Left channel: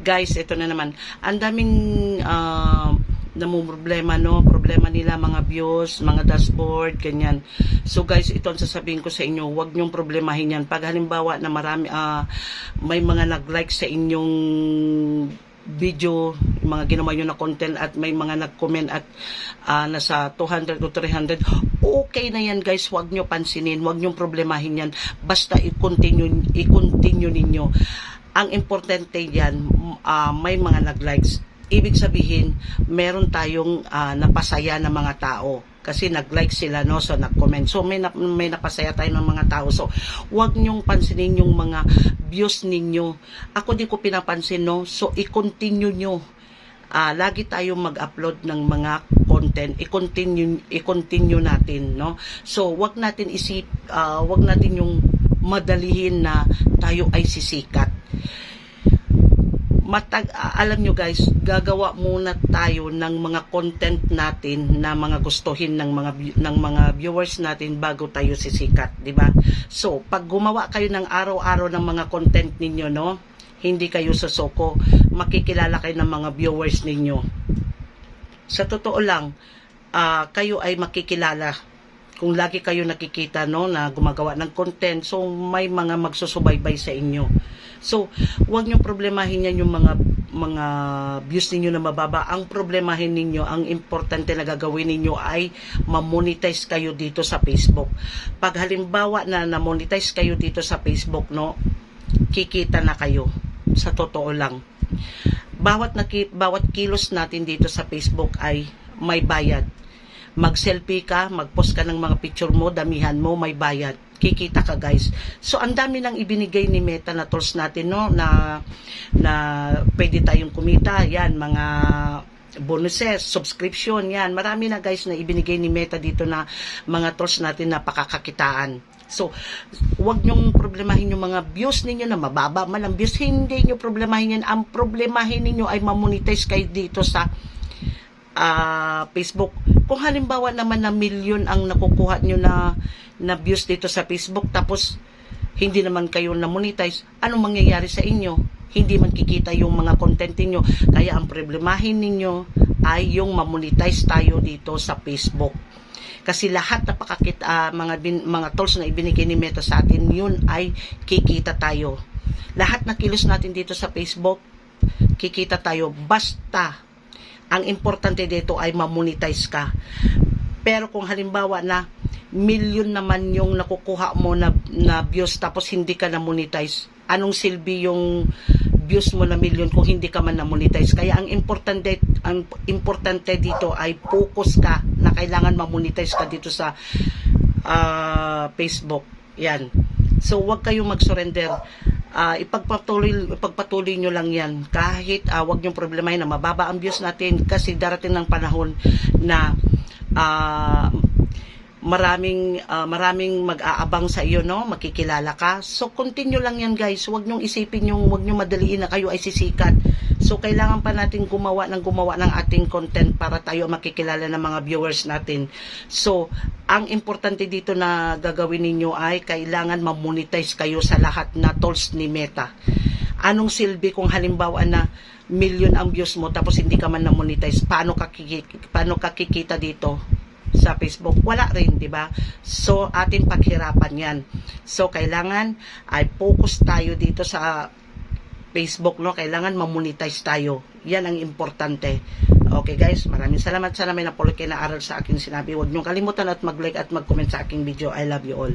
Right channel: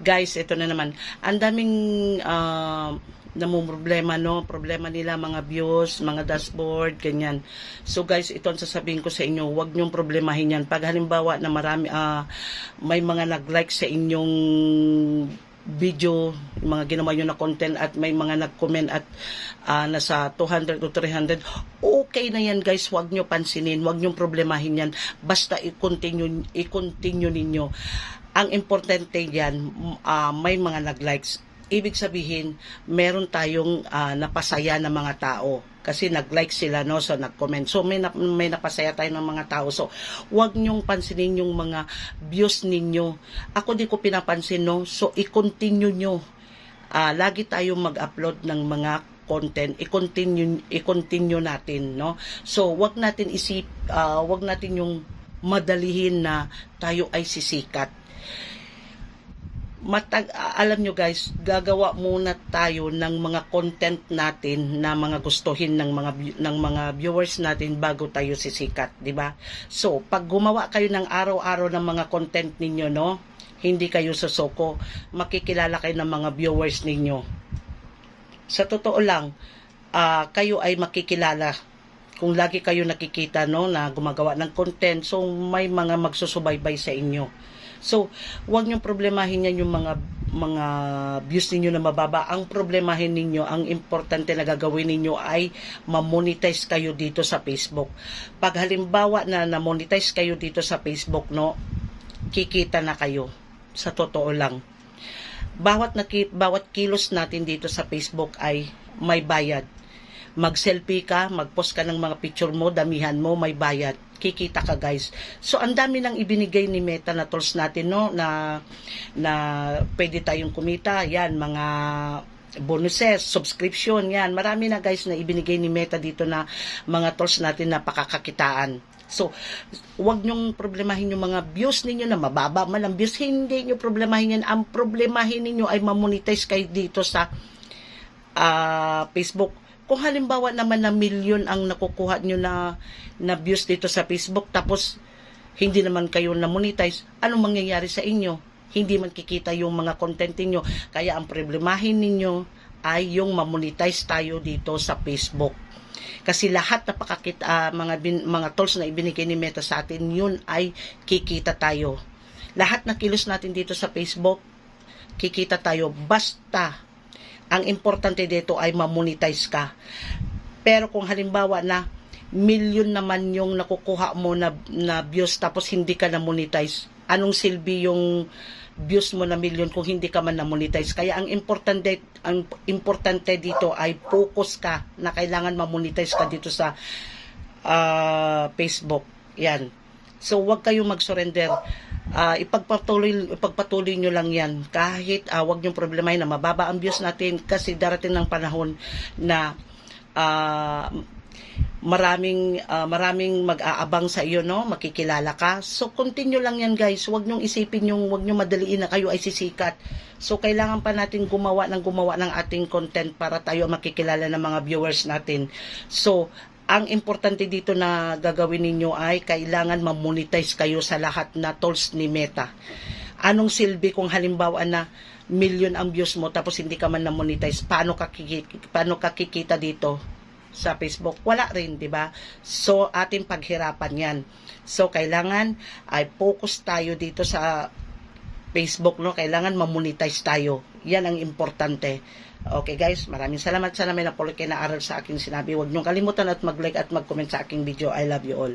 Guys, ito na naman. Ang daming namumroblema, no? Problema nila, mga views, mga dashboard, ganyan. So guys, ito ang sasabihin ko sa inyo, huwag nyong problemahin yan. Pag halimbawa na marami, may mga nag-like sa inyong video, mga ginawa nyo na content at may mga nag-comment at nasa 200 o 300, okay na yan guys, huwag nyo pansinin, huwag nyo problemahin yan, basta i-continue ninyo. Ang importante yan, may mga nag-likes, ibig sabihin meron tayong napasaya na mga tao kasi nag-like sila, no? So nag-comment, so may napasaya tayo ng mga tao. So huwag nyong pansinin yung mga views ninyo. Ako di ko pinapansin, no? So i-continue nyo. Lagi tayong mag-upload ng mga content, i-continue natin, no? So wag natin wag natin yung madalihin na tayo ay sisikat. Alam nyo guys, gagawa muna tayo ng mga content natin na mga gustuhin ng mga viewers natin bago tayo sisikat, di ba? So pag gumawa kayo ng araw-araw ng mga content ninyo, no, hindi kayo susoko, makikilala kayo ng mga viewers ninyo. Sa totoo lang, kayo ay makikilala kung lagi kayo nakikita, no, na gumagawa ng content. So may mga magsusubaybay sa inyo. So huwag niyo problemahin yan yung mga views ninyo na mababa. Ang problemahin ninyo, ang importante na gagawin ninyo ay ma-monetize kayo dito sa Facebook. Pag halimbawa na na-monetize kayo dito sa Facebook, no, kikita na kayo. Sa totoo lang, bawat kilos natin dito sa Facebook ay may bayad. Mag-selfie ka, mag-post ka ng mga picture mo, damihan mo, may bayad. Kikita ka guys. So ang dami nang ibinigay ni Meta na tools natin, no, na pwede tayong kumita. Yan, mga bonuses, subscription, yan. Marami na guys na ibinigay ni Meta dito na mga tools natin na pakakakitaan. So, huwag nyong problemahin yung mga views ninyo na mababa man ang views. Hindi nyo problemahin yan. Ang problemahin ninyo ay mamonetize kayo dito sa Facebook. Kung halimbawa naman na milyon ang nakukuha nyo na views dito sa Facebook, tapos hindi naman kayo na monetize, anong mangyayari sa inyo? Hindi man kikita yung mga content niyo. Kaya ang problemahin ninyo ay yung mamonetize tayo dito sa Facebook. Kasi lahat na mga tools na ibinigay ni Meta sa atin, yun ay kikita tayo. Lahat na kilos natin dito sa Facebook, kikita tayo. Basta ang importante dito ay mamonetize ka. Pero kung halimbawa na milyon naman yung nakukuha mo na views tapos hindi ka na monetize, anong silbi yung views mo na milyon kung hindi ka man na monetize? Kaya ang importante dito ay focus ka na kailangan ma-monetize ka dito sa Facebook. Yan. So wag kayong mag-surrender. Ipagpatuloy nyo lang yan. Kahit wag nyong problemahin na mababa ang views natin, kasi darating ng panahon na maraming mag-aabang sa iyo, no, makikilala ka. So continue lang yan guys. Wag nyong isipin wag nyong madaliin na kayo ay sisikat. So kailangan pa natin gumawa ng ating content para tayo makikilala ng mga viewers natin. So ang importante dito na gagawin ninyo ay kailangan ma-monetize kayo sa lahat na tools ni Meta. Anong silbi kung halimbawa na milyon ang views mo tapos hindi ka man na-monetize? Paano ka kikita dito sa Facebook? Wala rin, di ba? So ating paghirapan yan. So kailangan ay focus tayo dito sa Facebook, no? Kailangan ma-monetize tayo. Yan ang importante. Okay guys, maraming salamat. Sana may napulot kayo na aral sa aking sinabi. Huwag niyong kalimutan at mag-like at mag-comment sa aking video. I love you all.